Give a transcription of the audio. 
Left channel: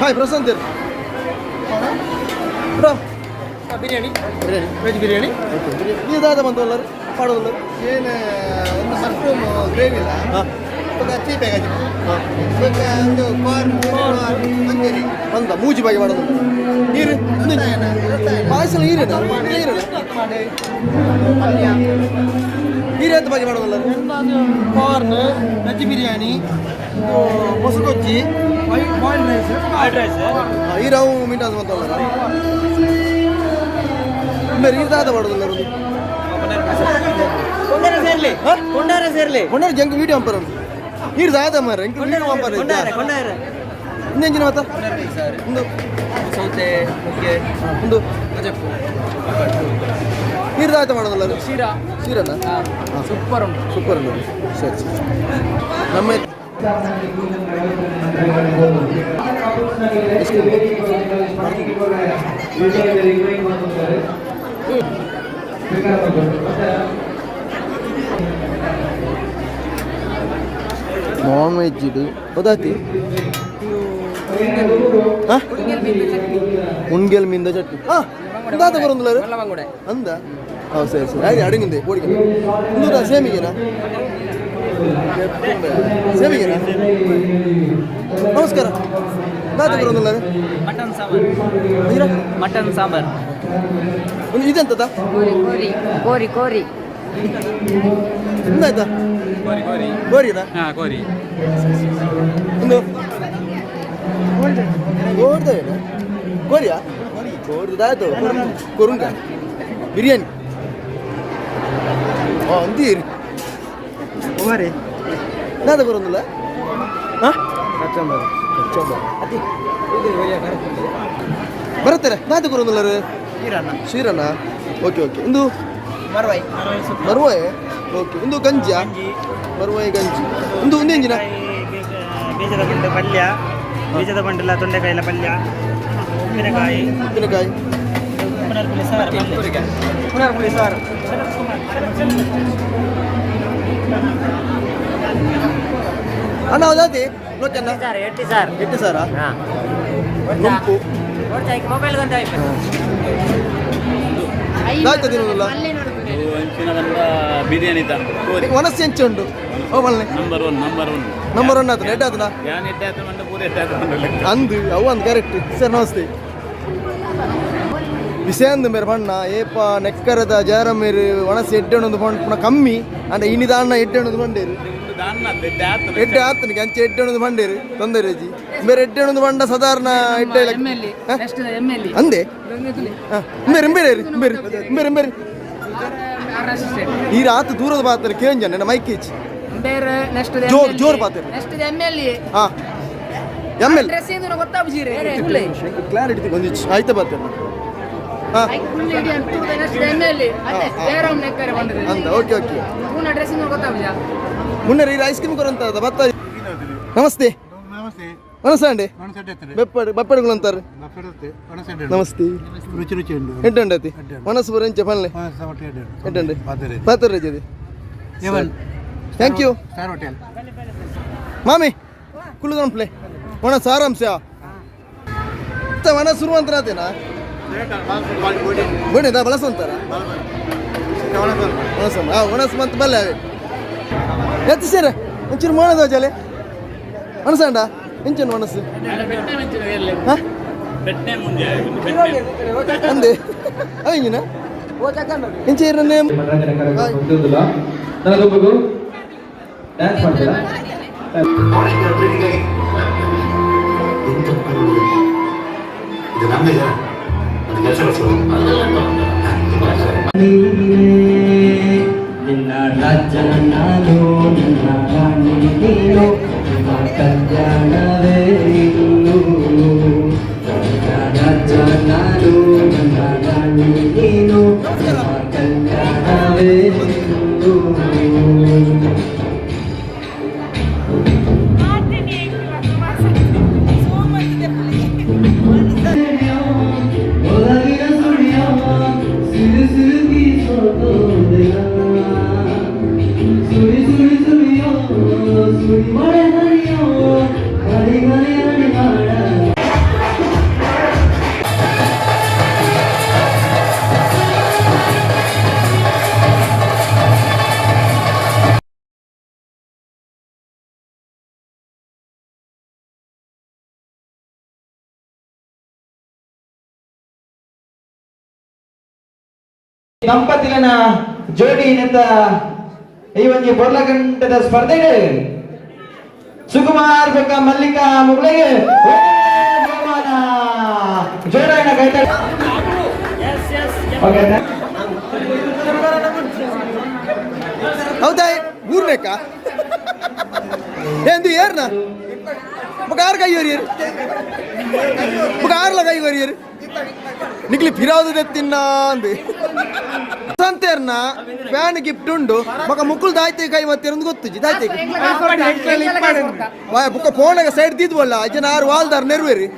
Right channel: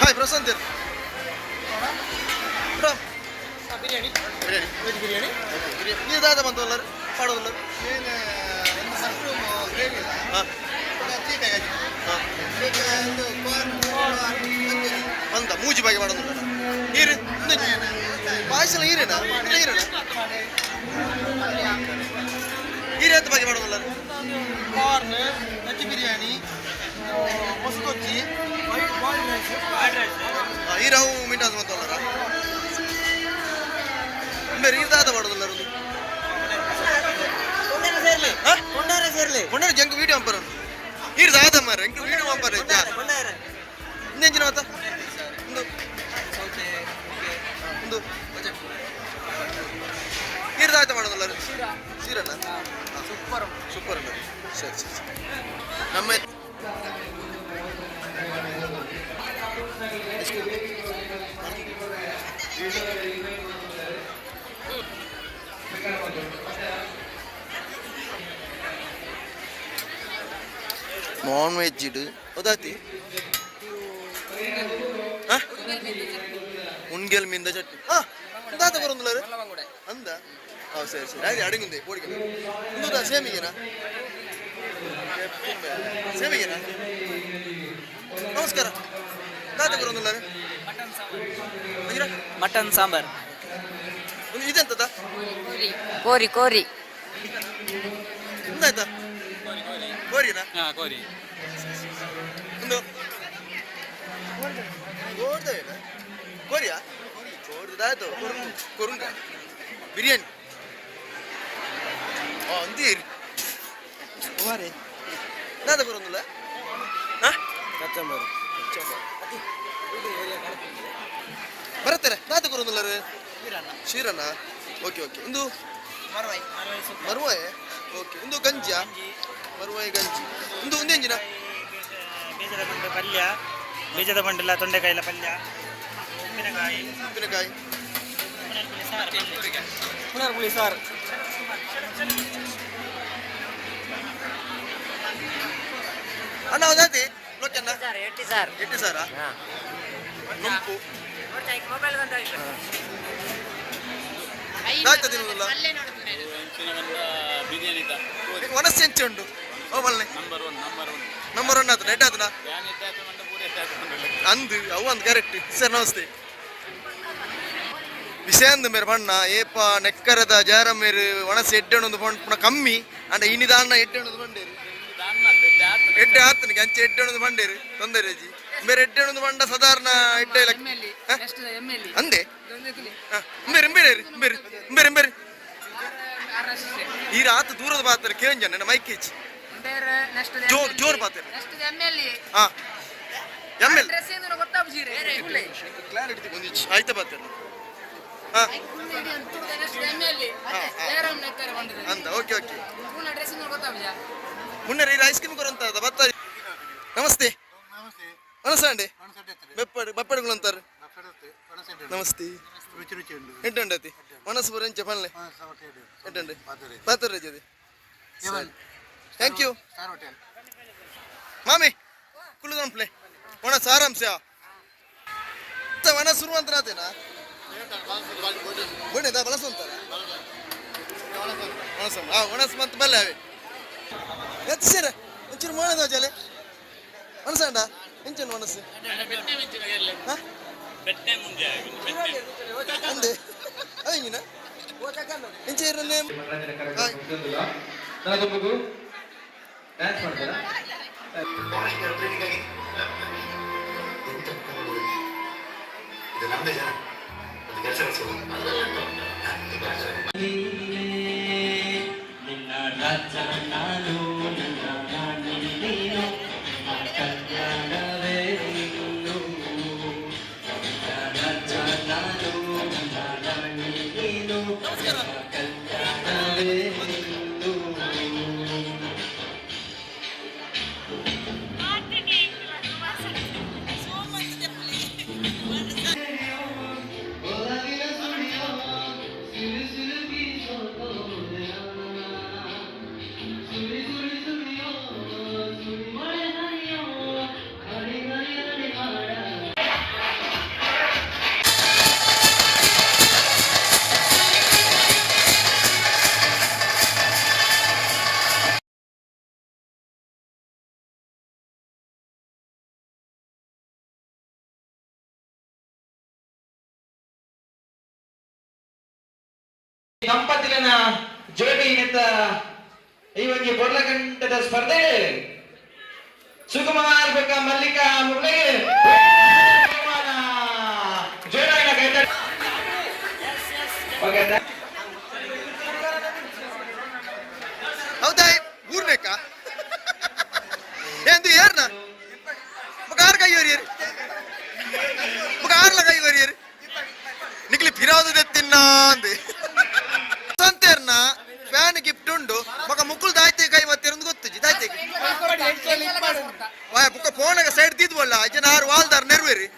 hi Prashanth bro biryani biryani veg biryani okay biryani ನೀವು ದಾದ ಬಂತಲ್ಲ ಮಾಡೋದಿಲ್ಲ ಏನು ಒಂದು ಮಶ್ರೂಮ್ ಗ್ರೇವಿ ಇಲ್ಲ ಹಾಂ ಒಂದು ಅಚ್ಚಿ ಪ್ಯಾಕೇಜ್ ಹಾಂ ಒಂದು ಅಂತ ಮೂಜಿ ಬಾಗಿ ಮಾಡೋದಿಲ್ಲ ನೀರು ಪಾಯಸ ನೀರೇನಾ ನೀರೇನ ನೀರು ಅಂತ ಬಾಗಿ ಮಾಡೋದಿಲ್ಲ ಕಾರ್ನ್ ವೆಜ್ ಬಿರಿಯಾನಿ ಮೊಸರುಗೊಜ್ಜಿ ವೈಟ್ ರೈಸ್ ಈ ರಾವು ಮೀಟ್ ಅದು ಬಂತಲ್ಲ ಬೇರೆ ನೀರು ದಾದ ಮಾಡೋದಿಲ್ಲ ಕೊಂಡಾರ ಜಂಕ್ ವೀಡಿಯೋ ಅಂಪಾರ ನೀರು ದಾದ ಮಾರ ಎಂಕ್ ವೀಡಿಯೋ ಅಂಪಾರ ಇನ್ನೆಂಜಿನ ಮಾತ ಒಂದು ಸೌತೆ ಒಂದು ನೀರು ದಾತ ಮಾಡೋದಲ್ಲ ಸೀರಲ್ಲ ಸೂಪರ್ ಉಂಟು ಸೂಪರ್ ಅಲ್ಲ ಸರಿ ಸರಿ ನಮ್ಮ ನಾನ್ ವೆಜ್ ಇಡು ಗೊತ್ತಾಯ್ತಿ ಉಣ್ಗೆಲ್ ಮೀಂದ ಚಟ್ನಿ ಹಾಂ ದಾತ ಬರೋದಿಲ್ಲ ಅಂದ ಹಾಂ ಸರಿ ಸರಿ ಆಯ್ತು ಅಡಗಿಂದೆ ಬೋಡಿಗೆ ಇನ್ನೂರ ಸೇಮಿಗೆನಾ ಸೇಮಿಗೆನಾ ನಮಸ್ಕಾರ ದಾತ ಬರೋದಿಲ್ಲ ಮಟನ್ ಸಾಂಬಾರ್ ಒಂದು ಇದೆಂತದ ಕೋರಿ ಕೋರಿ ಎಂತಾಯ್ತಾ ಕೋರಿನಾ ಕೋರಿ ಒಂದು ಕೋರ್ದೇನಾ ಕೋರಿಯಾ ಕೋರ್ದಾಯ್ತು ಕೊರುಂಗ ಬಿರಿಯಾನಿ ಅಂತೀರಿ ಓರಿ ನಾದ ಬರೋದಿಲ್ಲ ಹಾಂ ಬರುತ್ತಾರೆ ನಾದ ಬರೋದಿಲ್ಲ ರೀ ಶೀರಣ್ಣ ಓಕೆ ಓಕೆ ಇಂದು ಮರುವಾಯ್ ಓಕೆ ಇಂದು ಗಂಜಿಯಾ ಮರುವಾಯಿ ಗಂಜಿ ಇಂದು ಒಂದು ಎಂಜಿನ ಬೀಜದ ಬಂಡೆ ಪಲ್ಯ ಬೀಜದ ಬಂಡೆಲ್ಲ ತೊಂಡೆಕಾಯಿನ ಪಲ್ಯ ಉಪ್ಪಿನಕಾಯಿ ಉಪ್ಪಿನಕಾಯಿ ಪುನರ್ಪುಳಿ ಸಾರು ಅಣ್ಣ ಹೌದಾತಿ ಲೋಚನ್ನ ಎಟ್ಟು ಸಾರ ನುಂಪು ಆಯ್ತು ತಿನ್ನೋದಿಲ್ಲ ಬಿರಿಯಾನಿ ಮನಸ್ಸು ಹೆಂಚು ಉಂಟು ಓ ಮಲ್ಲೆ ನಂಬರ್ ಒನ್ ಆತನ ಎಡ್ಡ ಆತನ ಅಂದು ಅವು ಅಂದು ಕರೆಕ್ಟ್ ಸರ್ ನಮಸ್ತೆ ವಿಷಯ ಅಂದು ಮೇರೆ ಬಣ್ಣ ಏಪ ನೆಕ್ಕರದ ಜಾರ ಮೇರು ಒಣಸಿ ಎಡ್ಡೆಣ್ಣೊಂದು ಪುನಃ ಕಮ್ಮಿ ಅಂಡ ಇನಿದ ಅಣ್ಣ ಎಡ್ಡೆಣ್ಣೊಂದು ಬಂಡೇರು ಎಡ್ಡೆ ಆತನಿಗೆ ಅಂಚೆ ಎಡ್ಡೆಣ್ಣೊಂದು ಬಂಡೇರು ತೊಂದರೆ ಜಿ ಬೇರೆ ಎಡ್ಡೆಣ್ಣೊಂದು ಬಂಡ ಸಾಧಾರಣ ಎಡ್ಡೆ ಅಂದೆ ಬೇರೆ ಬೇರೆ ಬೇರೆ ಬೇರೆ ಬೇರೆ ಈ ರಾತ್ ದೂರದ ಬಾತಾರೆ ಕೇಂಜ ನನ್ನ ಮೈಕ್ ಈಚ್ ಜೋರ್ ಜೋರ್ ಬಾತಾರೆ ಹಾ ಎಮ್ ಎಲ್ ಕ್ಲಾರಿಟಿ ಬಂದಿಚ್ಚು ಆಯ್ತಾ ಬಾತಾರೆ ಹಾಂ ಅಂದ ಓಕೆ ಓಕೆ ಮುನ್ನೆ ಈ ಐಸ್ ಕ್ರೀಮ್ ಕೊರಂತ ಬತ್ತ ನಮಸ್ತೆ ನಮಸ್ತೆ ಅಂడి ಬಪ್ಪಡುಗಳು ಅಂತಾರೆ ನಮಸ್ತೆ ರುಚಿ ರುಚಿ ಉಂಟು ಎಂಟಂಡತಿ ಮನಸ್ಸು ಬರಂಚ ಪನ್ಲೆ ಎಂಟಂಡೆ ಪಾತ್ರ ರಜದೆ ಥ್ಯಾಂಕ್ ಯು ಸ್ಟಾರ್ ಹೋಟೆಲ್ ಮಾಮಿ ಕುಳ್ಳು ಒಣ ಸಾರಾಂಶ ಮನ ಶುರು ಅಂತ ಆತೇನಾ ಬೋಣಿದ ಬಳಸು ಅಂತಾರ ಒಣಸು ಮಂತ್ ಬಲ್ಲೆ ಅವೆ ಎತ್ತು ಸೇರ ಒಂಚೂರು ಮಾಡೋದ ಜಲೆ ಮನಸ್ಸಂಡ ಎಂಚನು ಮನಸ್ಸು ಅಂದೆ ಅವಂಗಿನ ಎಂಚ ಇರನ್ನೇ ನಿನ್ನ ರಾಜ್ಯ ನಾನು ನನ್ನ ರಾಣಿ ನೀನು ಕಲ್ಯಾಣವೇ ದಂಪತಿಗಳ ಜೋಡಿ ನಿಂತ ಈ ಒಂದು ಬೊರ್ಲಗಂಟದ ಸ್ಪರ್ಧೆ ಸುಕುಮಾರ್ ಬೆಕ್ಕ ಮಲ್ಲಿಕಾ ಮುಗಳಿಗೆ ಜೋರಾಗಿನ ಕೈತ ಹೌದಾ ಊರ್ನೇಕ ಎಂದು ಏರ್ನ ಮಗಾರ್ ಕೈ ಹೊರಿಯರು ಮಗಾರ್ಲ ಕೈ ಹೊರಿಯರು ನಿಕ್ಲಿ ಫಿರಾದು ತೆತ್ತಿನ್ನ ಅಂದೆ ಸಂತೇರ್ನ ಫ್ಯಾನ್ ಗಿಫ್ಟ್ ಉಂಡು ಮಗ ಮುಕ್ಕುಲ್ ದಾಯ್ತೆ ಕೈ ಮತ್ತೆ ಒಂದು ಗೊತ್ತು ದಾಯ್ತೆ ಬುಕ್ಕ ಫೋನಾಗ ಸೈಡ್ ತಿದ್ವಲ್ಲ ಜನ ಆರು ವಾಲ್ದಾರ್ ನೆರವೇರಿ